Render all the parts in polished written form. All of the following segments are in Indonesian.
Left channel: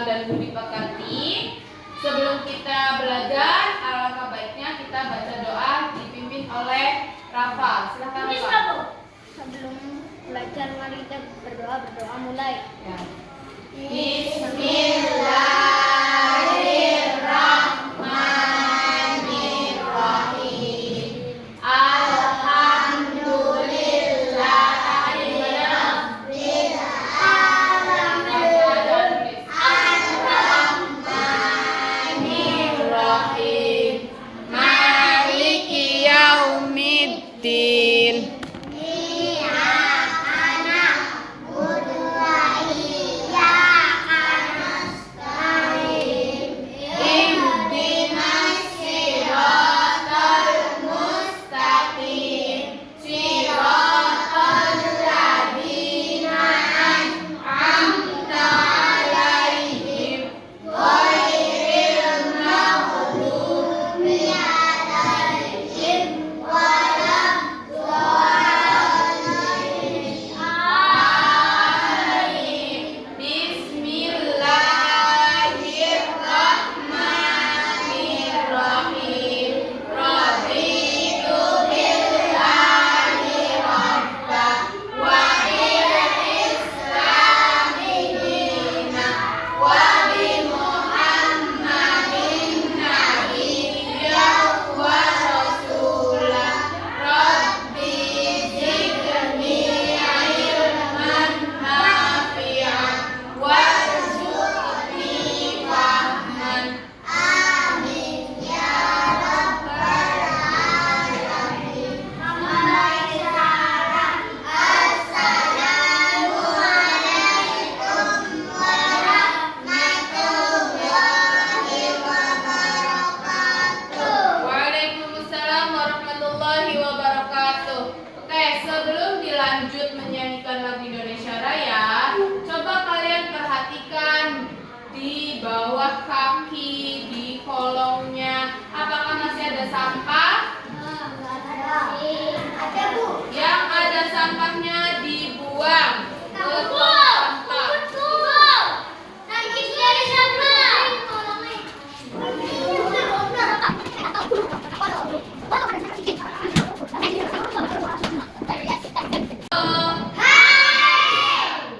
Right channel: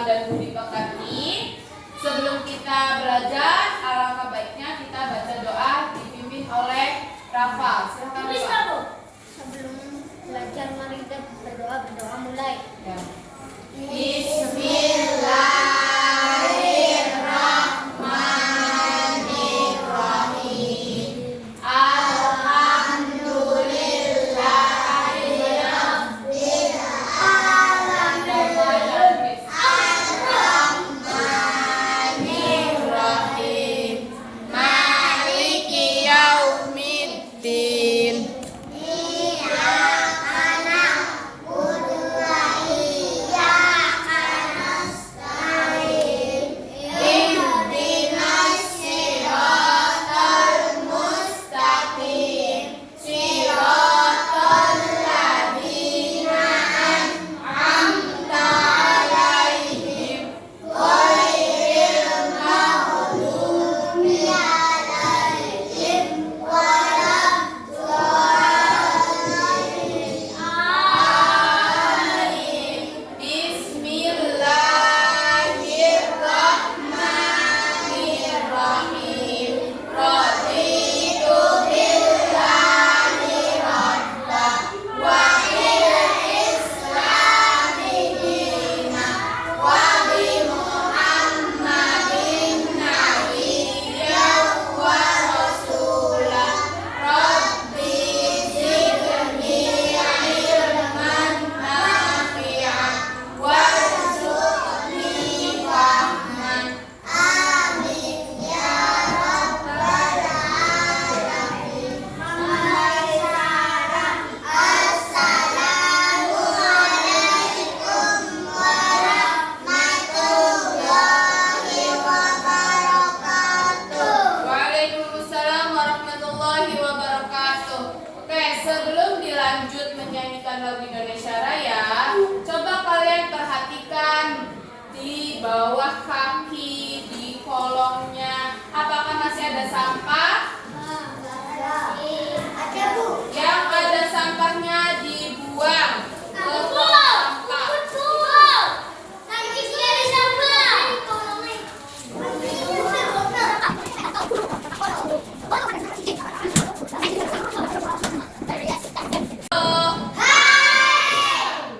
senang dan budi pekerti. Sebelum kita belajar, alangkah baiknya kita baca doa dipimpin oleh Rafa. Silakan Rafa. Sebelum belajar mari kita berdoa mulai. Ya. Lanjut menyanyikan lagu Indonesia Raya, coba kalian perhatikan di bawah kaki, di kolongnya, apakah masih ada sampah? Ada, Bu. Yang ada sampahnya dibuang ke tong sampah.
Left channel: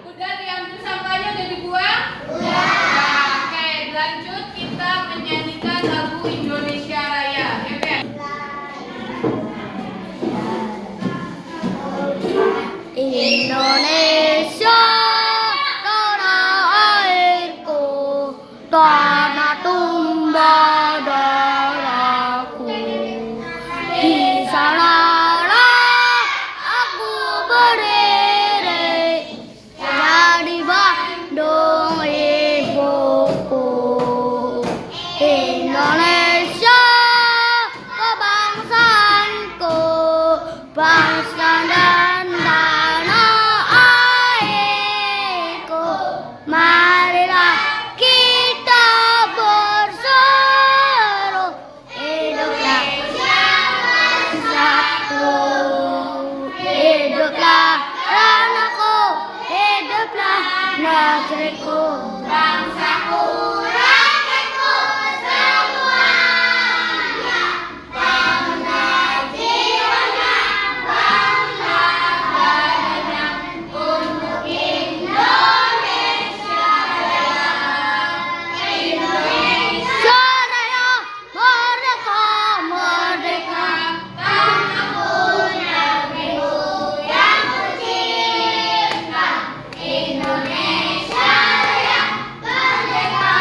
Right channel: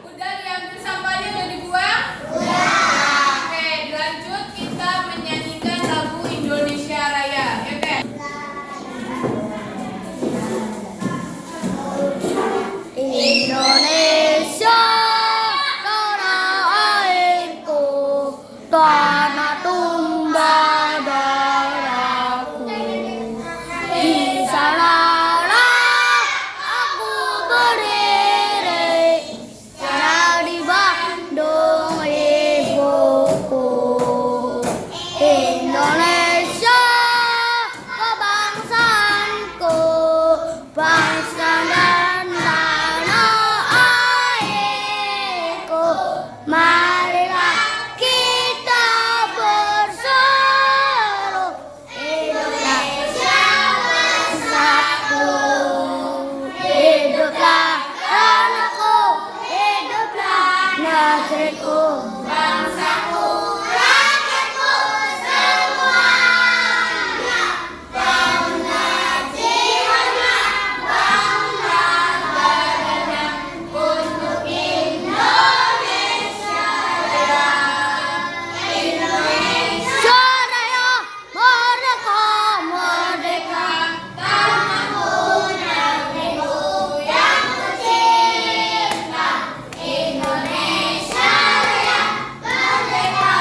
Udah diambil sampahnya, udah dibuang? Oke, lanjut kita menyanyikan lagu Indonesia Raya. Indonesia tanah airku, tanah tumpah darahku. Di sanalah aku berdiri, jadi Bandung ibuku. Indonesia kebangsaanku, bangsa dan tanah airku. Marilah kita berseru, hiduplah bangsaku, hiduplah tanahku, hiduplah negeriku, bangsaku, rakyatku semuanya. Bangga jiwanya, bangga badannya, untuk Indonesia Raya. Indonesia Raya, merdeka, merdeka, tanahku, negeriku yang kucinta. Indonesia Raya, merdeka,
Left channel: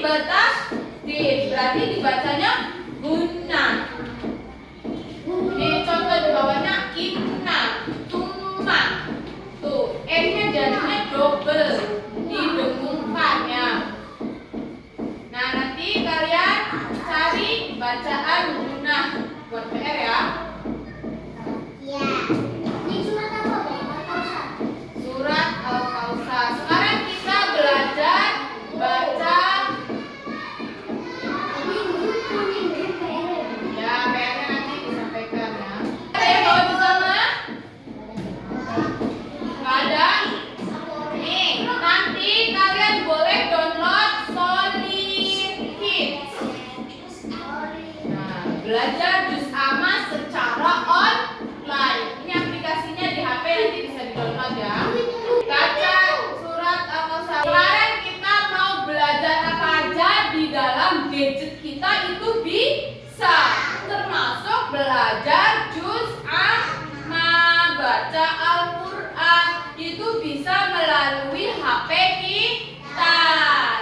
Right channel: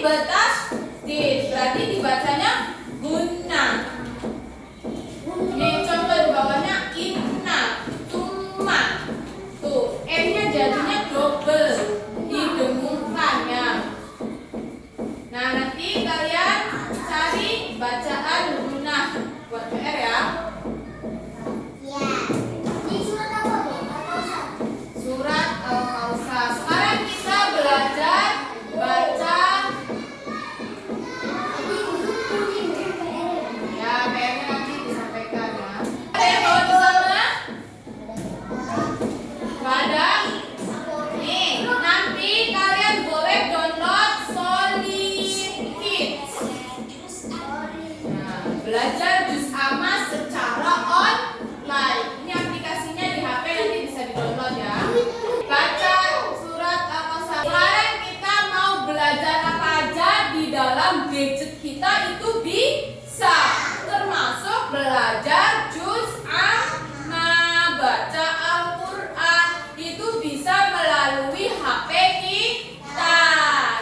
bertasdid. Berarti dibacanya guna. Ini contoh di bawahnya inna, tumma. Tuh, M-nya jadinya double, didengungkan ya. Nah, nanti kalian cari bacaan guna buat PR ya. Ya. Ini surat apa, Bang? Surat Al-Kausar. Sekarang kita belajar baca. Ini buku nih, PR. Ya, PR-nya nanti disampaikan ya. Ada yang bawa di sana? Nggak ada? Nih, nanti kalian boleh download Solid Kids. Nah, belajar juz amma secara online. Ini aplikasinya di HP, nanti bisa di-download ya. Baca surat Al-Kausar. Sekarang kita mau belajar apa aja di dalam gadget kita itu bisa. Termasuk belajar juz amma, baca Al-Quran. Itu bisa melalui HP kita.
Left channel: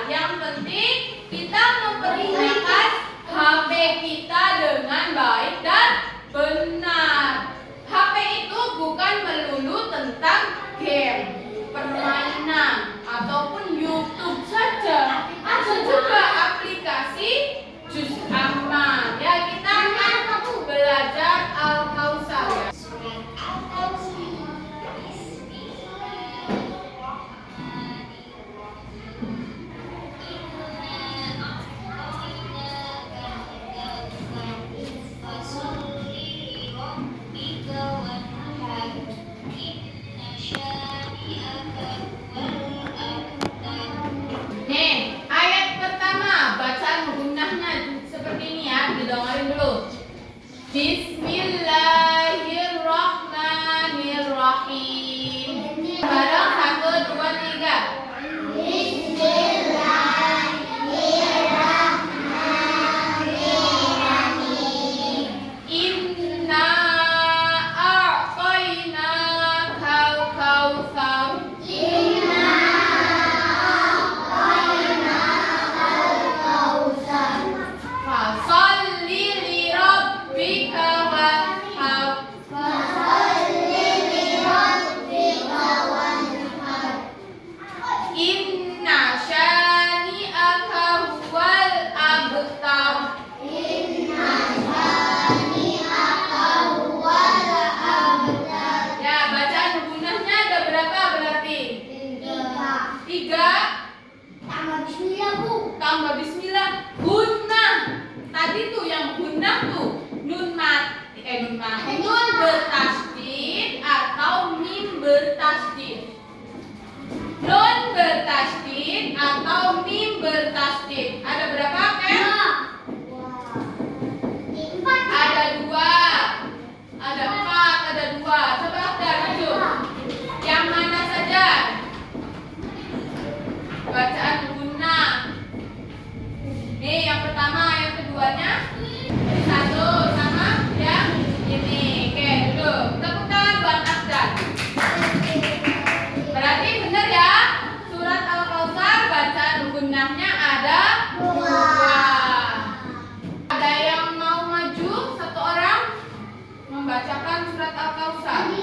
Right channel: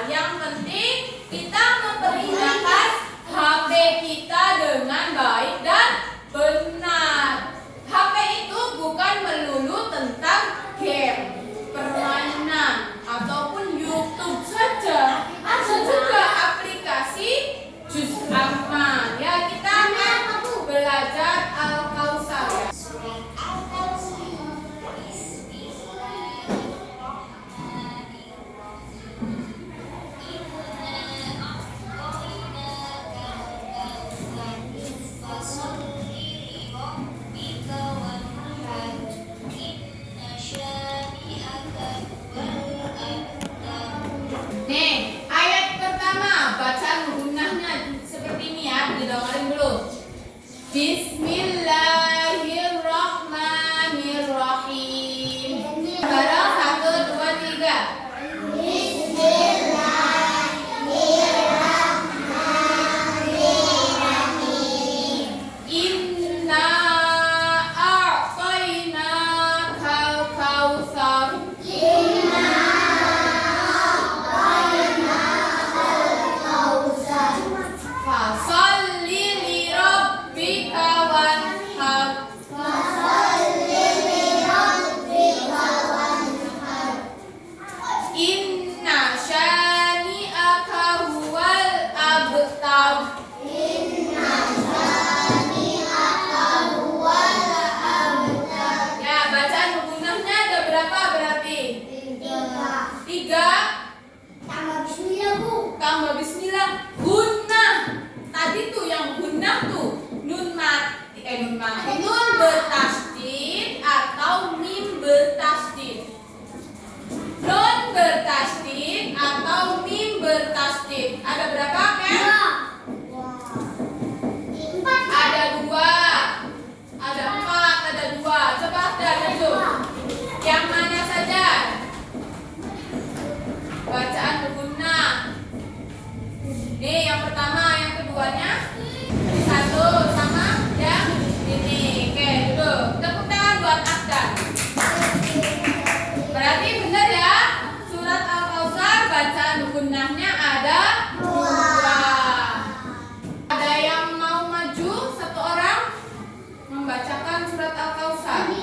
Yang penting kita mempergunakan HP kita dengan baik dan benar. HP itu bukan melulu tentang game, permainan, ataupun YouTube saja. Ada juga aplikasi juz amma. Ya, kita akan belajar Al-Kausar ya. Nih, ayat pertama bacaan gunahnya seperti ini ya, didengarin dulu. Bismillahirrahmanirrahim. Bareng 1, 2, 3. Inna a'tainakal kautsar. Fasalli li rabbika wanhar. Inna syani'aka huwal abtar. Ya, bacaan gunahnya ada berapa berarti? 3 tambah bismillah. Gunnah. Tadi tuh yang gunnah tuh nun mati, nun bertasdid atau mim bertasdid. Nun bertasdid atau mim bertasdid. Ada berapa, Ken? Ada 2. Ada 4, ada 2. Coba ada tuh. Yang mana saja? Bacaan gunnah. Nih, yang pertama, yang keduanya. 1 sama yang ini. Oke, duduk. Tepuk tangan buat Afdan. Berarti benar ya. Surat Al-Kausar bacaan gunnahnya ada 2. Ada yang mau maju? 1 orang membacakan surat Al-Kausar.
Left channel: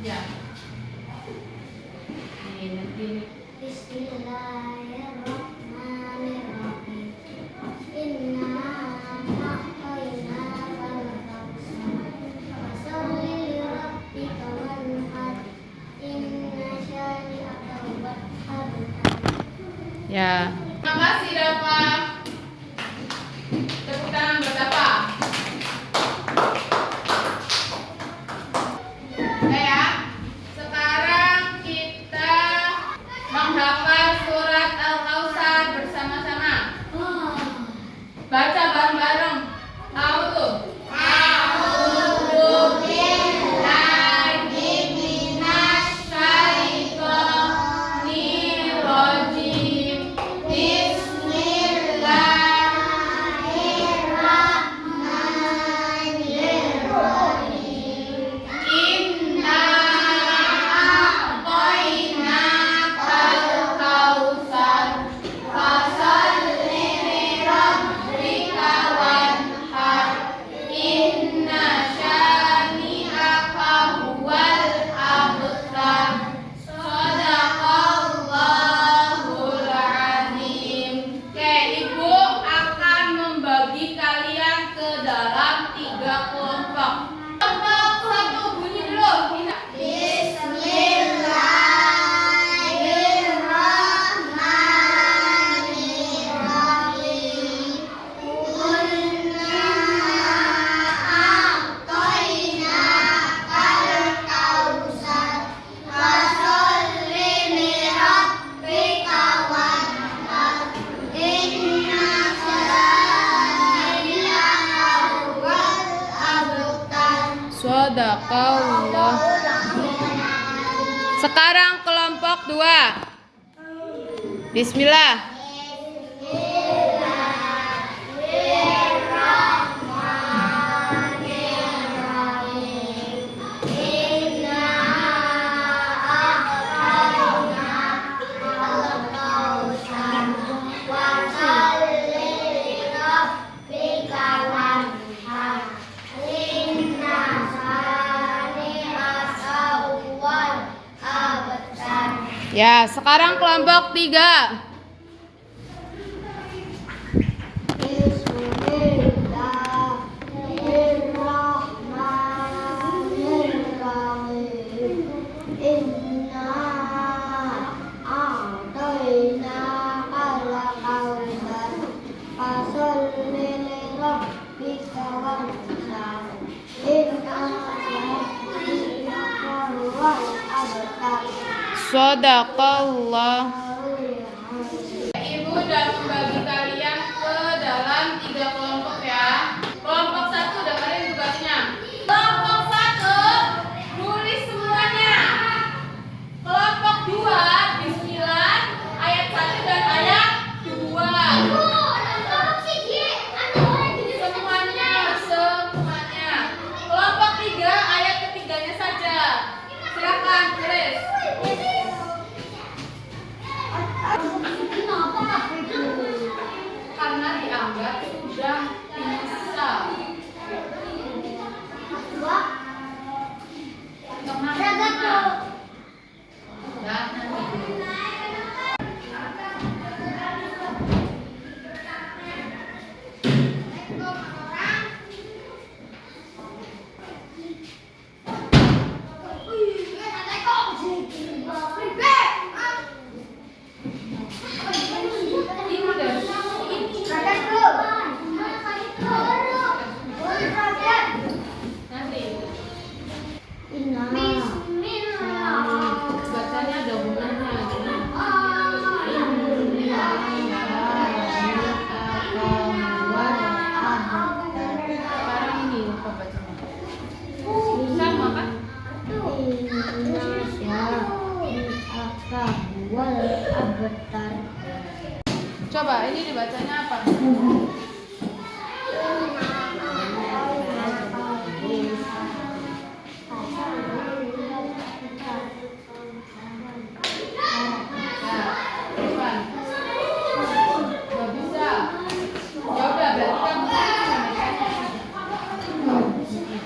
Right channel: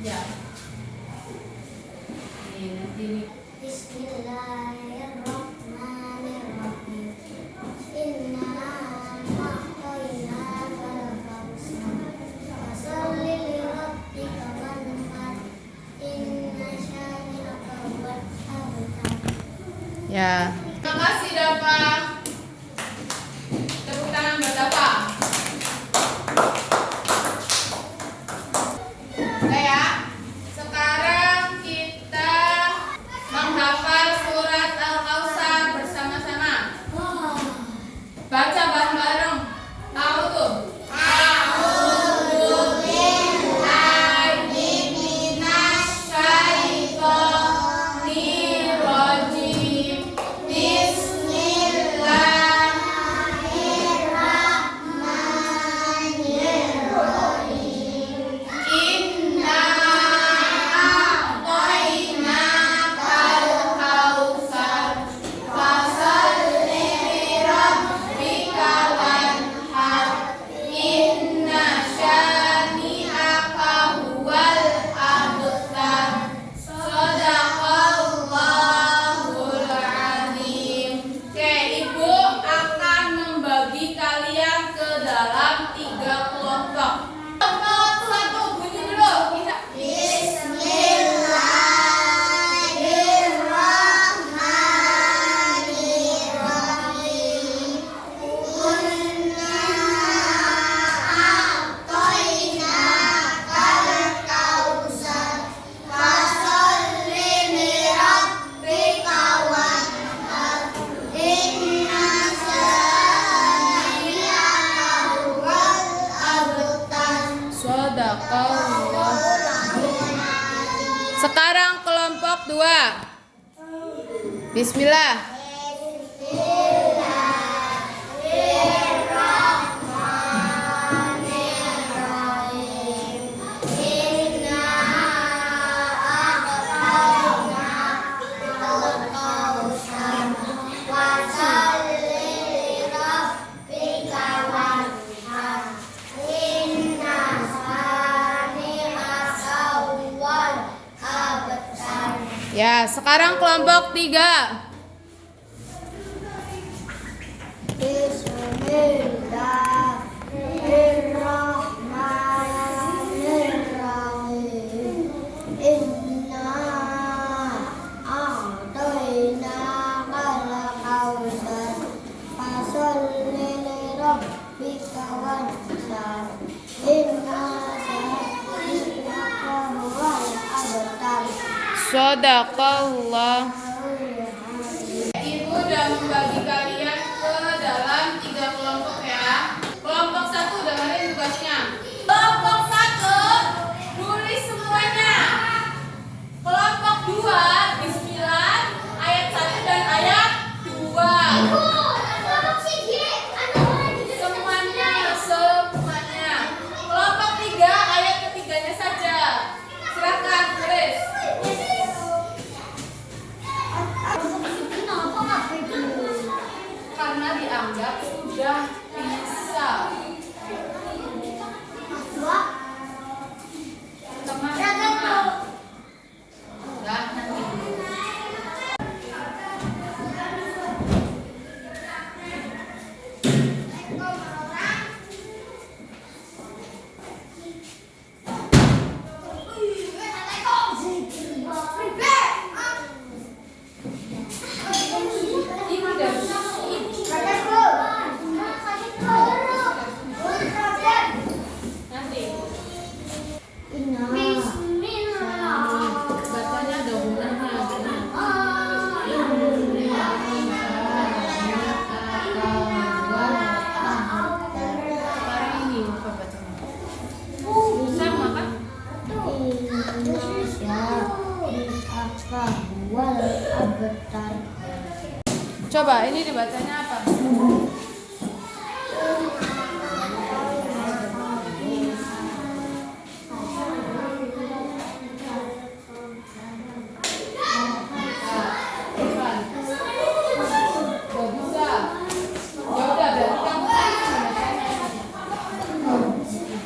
Ya. Nih, nanti nih. Bismillahirrahmanirrahim. Inna a'tainakal kautsar. Fasalli li rabbika wanhar. Inna syani'aka huwal abtar. Ya. Terima kasih Dava. Tepuk tangan buat Dava. Nah ya, sekarang kita menghafal surat Al-Kausar bersama-sama. Baca bareng-bareng. Tahu tuh? A'udzu billahi minasy syaithanir rajim. Bismillahirrahmanirrahim. 2. Bismillah. Ya, sekarang kelompok 3. Bismillahirrahmanirrahim. Inna a'tainakal kautsar. Fasholli lirabbika wanhar. Inna shani'aka huwal abtar. Shadaqallah. Ibu udah membagi kalian ke dalam 3 kelompok ya. Kelompok 1 udah mana tugasnya? Kelompok 1 nulis semuanya. Kelompok 2 Bismillah ayat 1 dan ayat 2. Semuanya. Kelompok 3 ayat ketiganya saja. Silakan tulis. Karena dianggap sudah bisa. Teman-teman. Udah nanti. Bacanya ada gunanya. Sekarang ini apa bacanya? Sama kan? Coba ini dibacanya apa? Gak bisa. Ya udah berarti kamu di sini.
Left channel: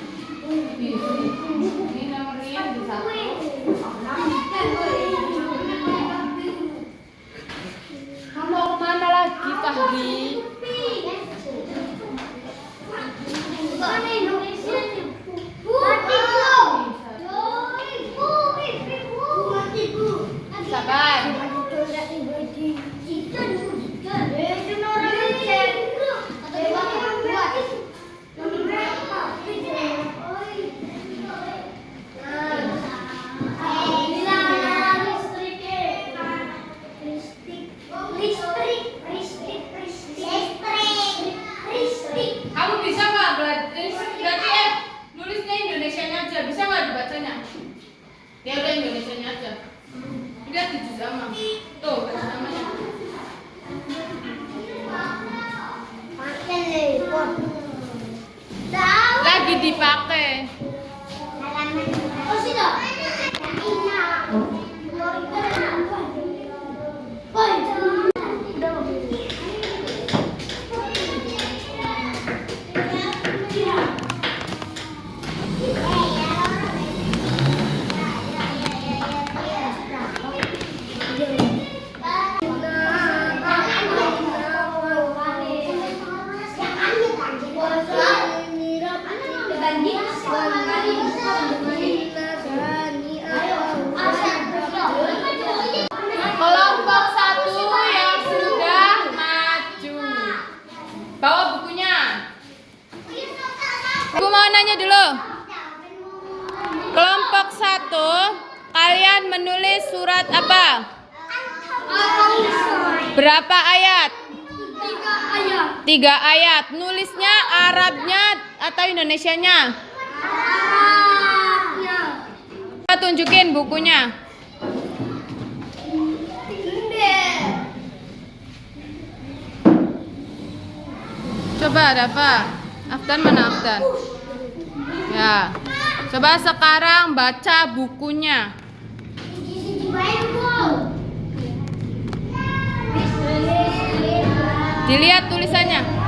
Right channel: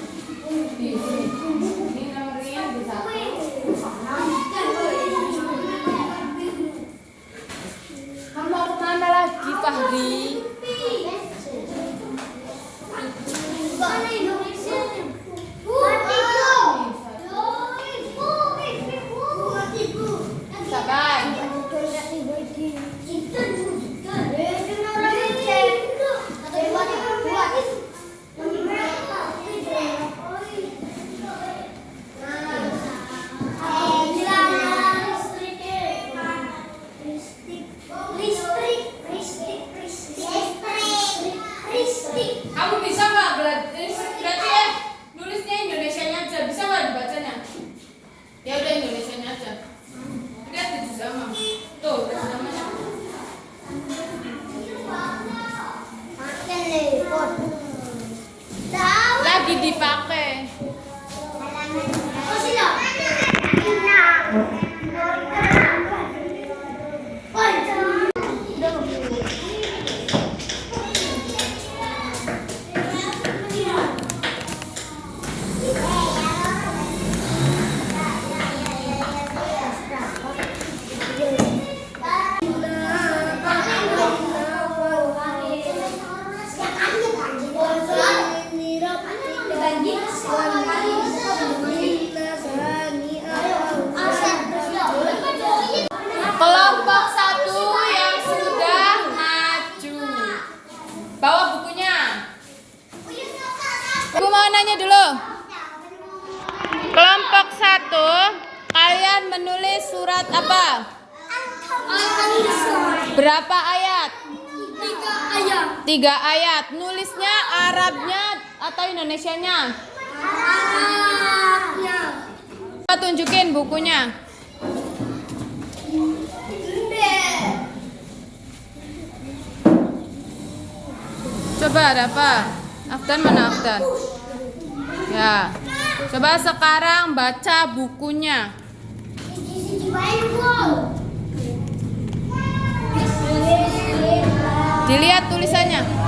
Ini nomornya di 1. Kamu mau kemana lagi, Fahri? Sabar. Kamu bisa nggak berarti ya nulisnya Indonesianya aja, bisa nggak dibacanya? Ya udah Indonesianya aja. Lihat tujuh sama. Tuh tujuh samanya. Lagi dipakai. Kelompok 1 yang sudah maju. Bawa bukunya. Ibu mau nanya dulu. Kelompok 1, kalian menulis surat apa? Berapa ayat? 3 ayat. Nulisnya Arabnya atau Indonesianya? Arabnya. Tunjukin bukunya. Coba ada apa? Afdan mana Afdan? Ya. Coba sekarang baca bukunya. Dilihat tulisannya.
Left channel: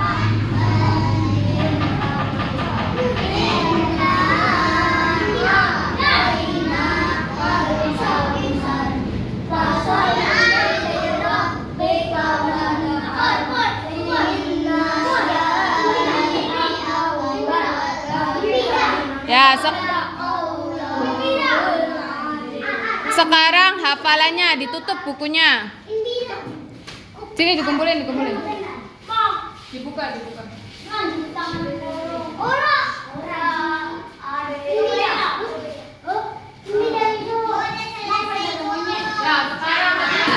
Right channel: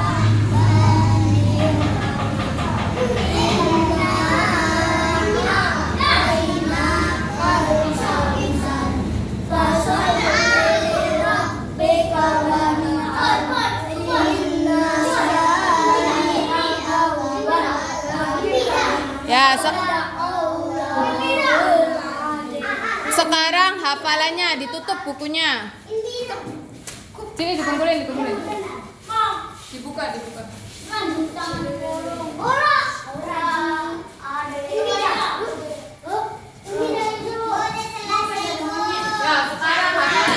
Ya, sekarang hafalannya ditutup bukunya. Sini dikumpulin. Dibuka. Ya, sekarang hafalan.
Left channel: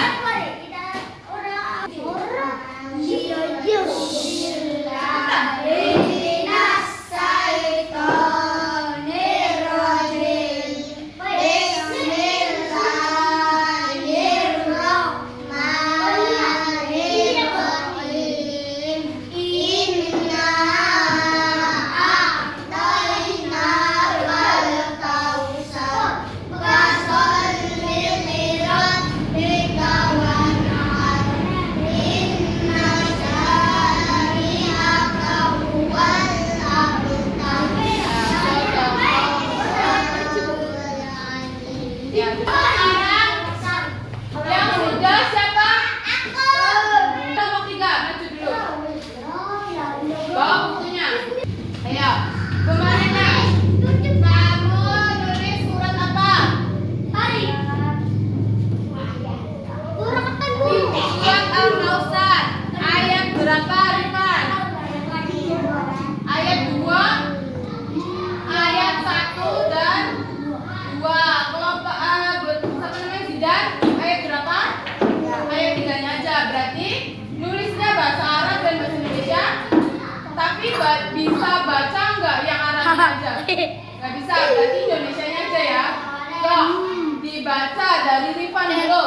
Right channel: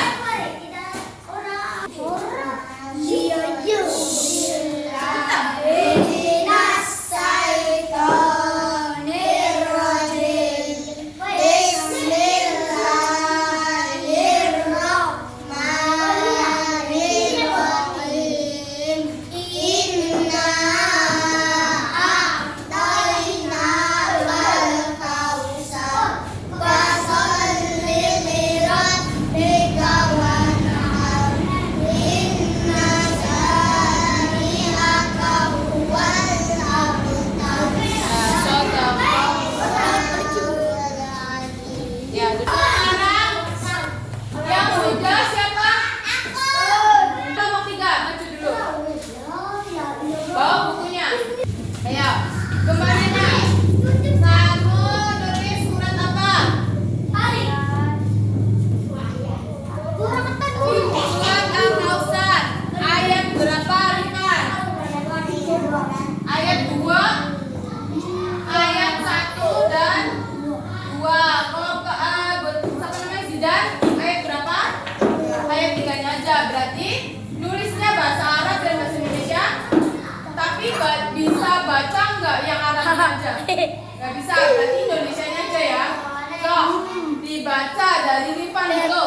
Bisa baca nggak yang Arabnya aja? Nggak bisa, berarti Indonesianya aja ya. So, dibaca dari Rifan dulu.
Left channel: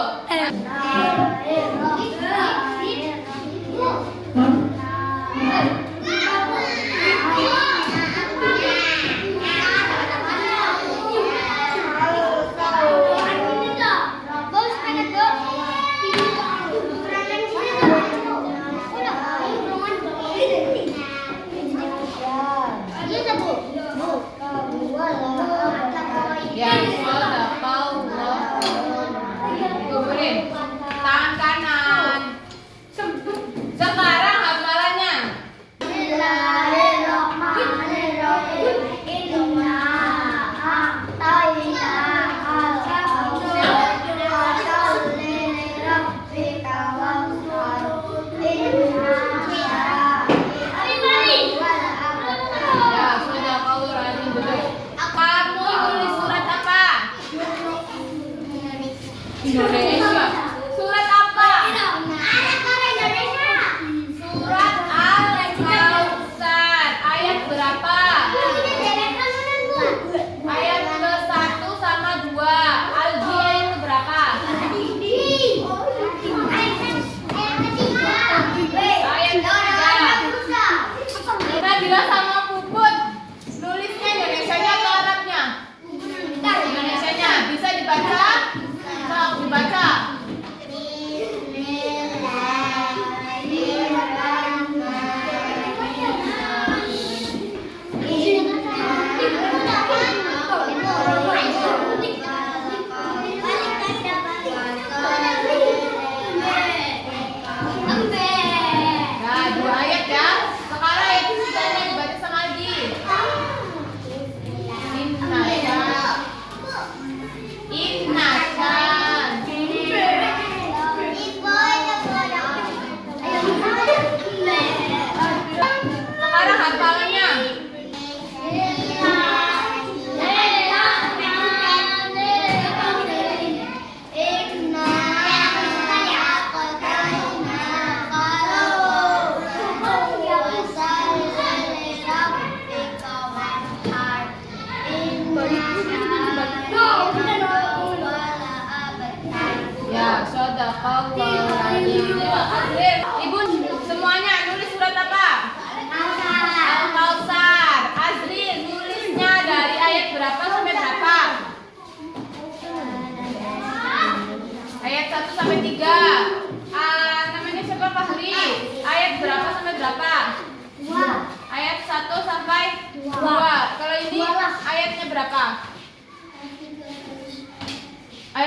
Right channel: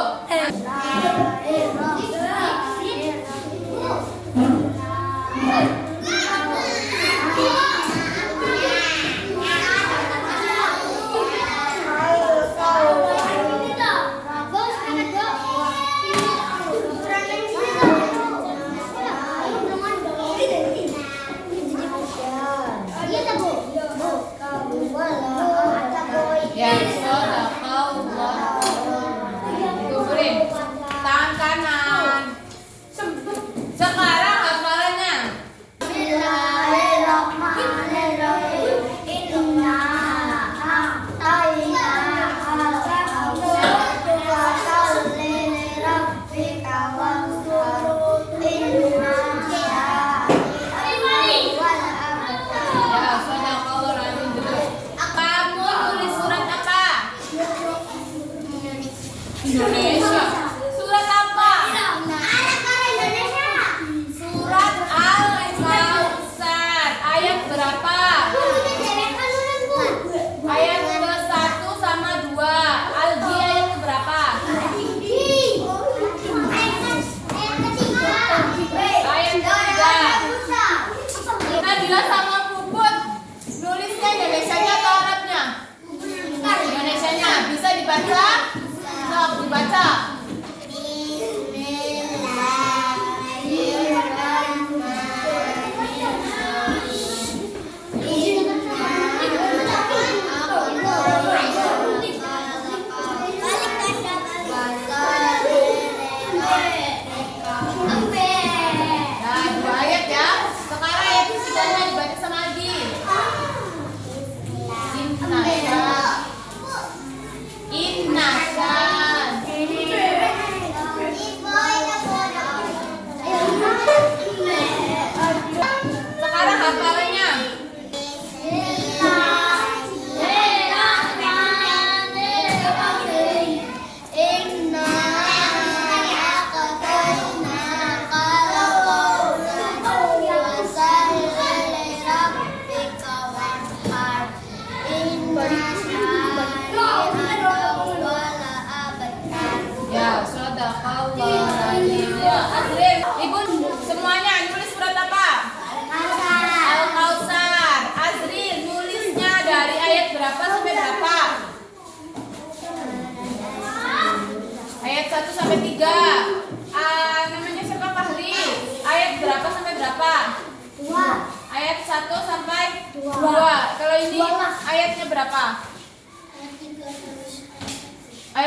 Ya, kumpulin tangan kanan.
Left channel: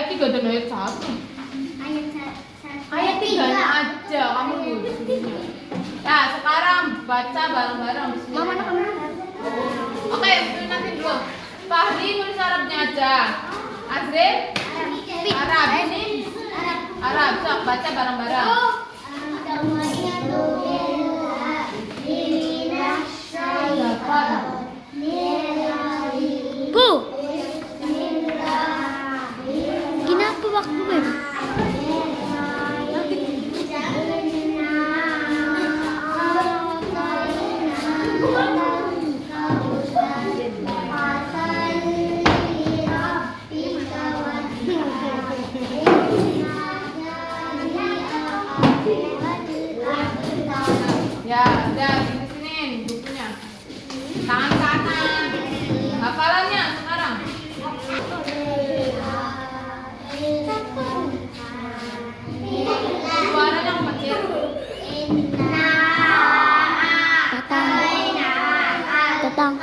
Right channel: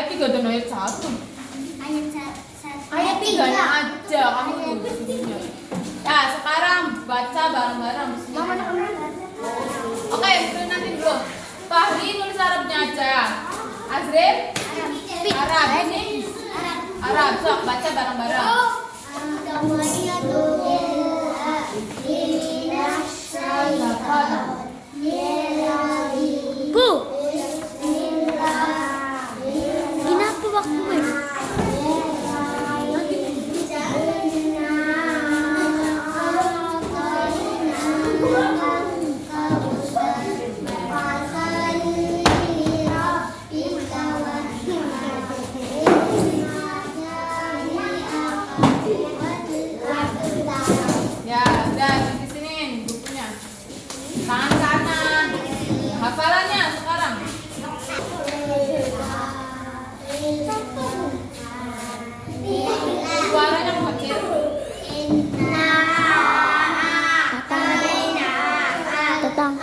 Ayat 3 dan ayat 1. Ayat 3-nya aja kamu disuruhnya. Nah, sekarang baca bareng-bareng. Oke, nanti dulu. Fahri nulis Arabnya aja. Azril Arab, ini Arab. Sok baca bareng-bareng. Bu, kenapa waktu ini? Ya, udah disinin bukunya. Tangan kanan. Hafalannya sekarang. Suaranya kecil. Tatang.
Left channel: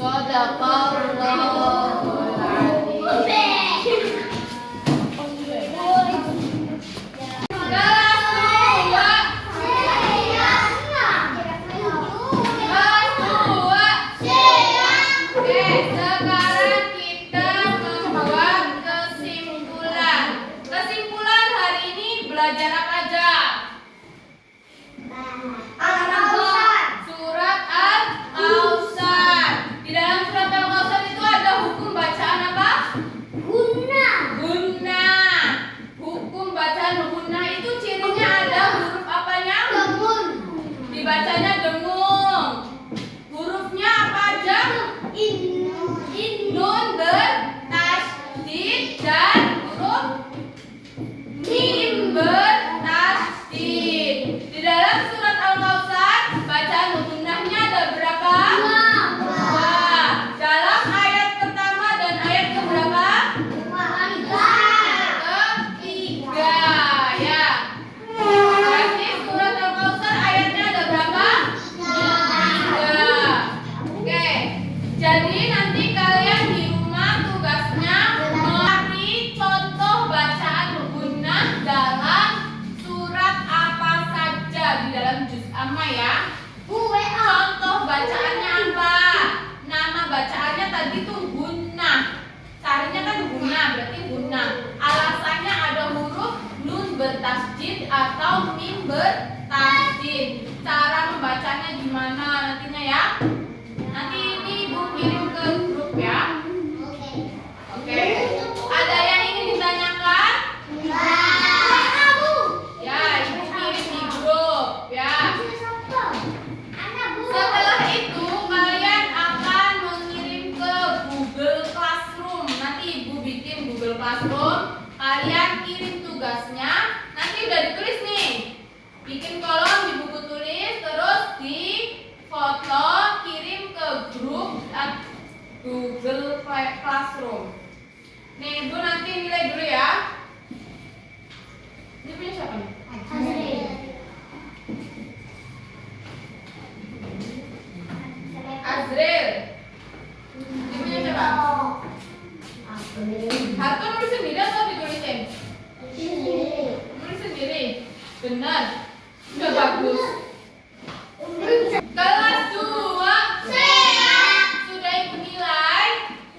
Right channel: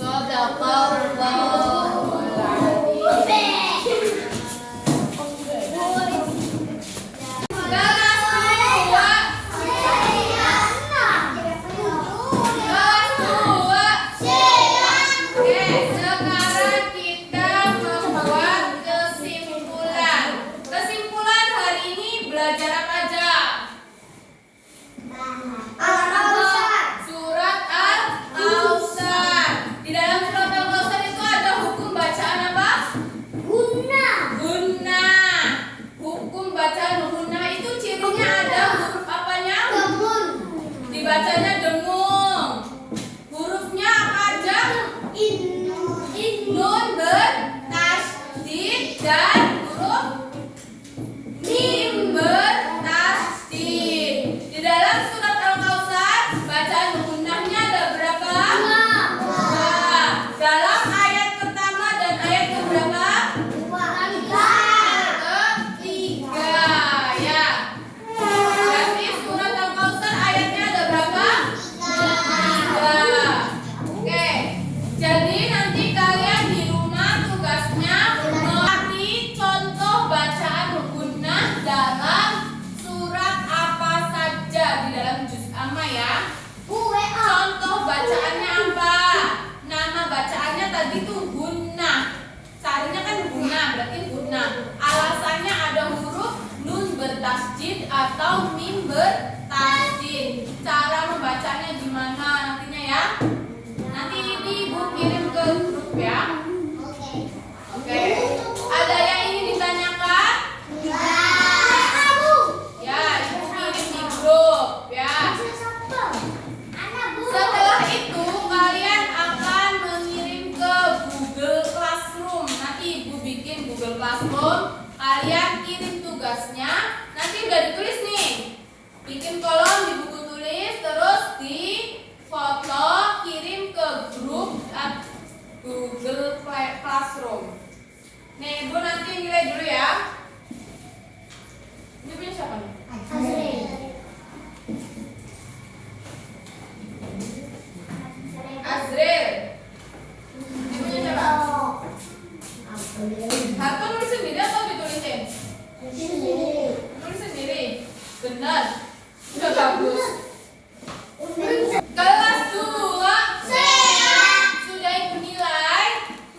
Shadaqallahul adzim. Kelas 2. Oke, sekarang kita membuat kesimpulan. Kesimpulan hari ini belajar apa aja? Surat Al-Kautsar. Di dalam surat Al-Kautsar itu ada hukum bacaan apa? Gunnah. Hukum bacaan gunnah itu cirinya ada huruf apanya? Dibacanya dengung. Hurufnya apa aja? Nun bertasydid dan huruf mim bertasydid. Di dalam surat Al-Kautsar bacaan gunnahnya ada berapa? Dua. Dalam ayat pertama dan ayat keberapa? Ketiga, ya. Berarti surat Al-Kautsar ayatnya ada berapa? Tiga. Oke. Jadi nanti kalian di rumah tugasnya melatih contoh bacaan gunnah dalam surat apa saja di dalam juz amma ya. Contoh bacaannya apa? Nama bacaannya tadi tuh gunnah. Carinya kan gunnah, berarti gunnah. Alasannya ada huruf nun bertasydid atau mim bertasydid. Cara membacanya gimana nantinya ya? Nanti ini Ibu kirim ke grup ya. Oke. Ada yang ingin ditanyakan? Ya, Ibu kirim di grup ya. Setelah itu kalian akan mengirim ke Google Classroom. Nanti Ibu bikin Google Classroom. Kalian kirim tugasnya. Nanti udah ditulis nih. Bikin kolom di buku tulis, terus di foto kirim ke grup Google Classroom. Nih Ibu nanti nilai dulu ya. Ini punya siapa nih? Azril. Ini punya siapa? Harto nulis sendiri atau ditulisin? Nulis sendiri. Benar. Sudah bagus. Kelas 2 sudah Ibu nilai?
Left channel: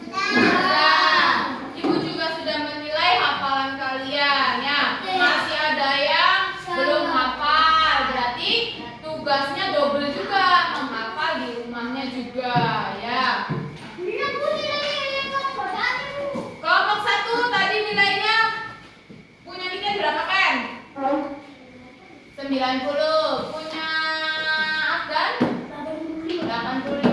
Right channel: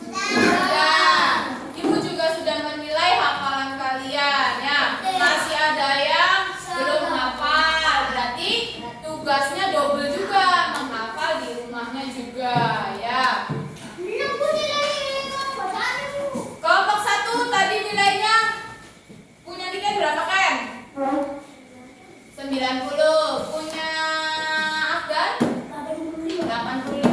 Sudah. Ibu juga sudah menilai hafalan kalian ya. Masih ada yang belum hafal. Berarti tugasnya double juga, menghafal di rumahnya juga ya. Kelompok 1 tadi nilainya punya tiket berapa kan? 90. Punya Afgan? 85.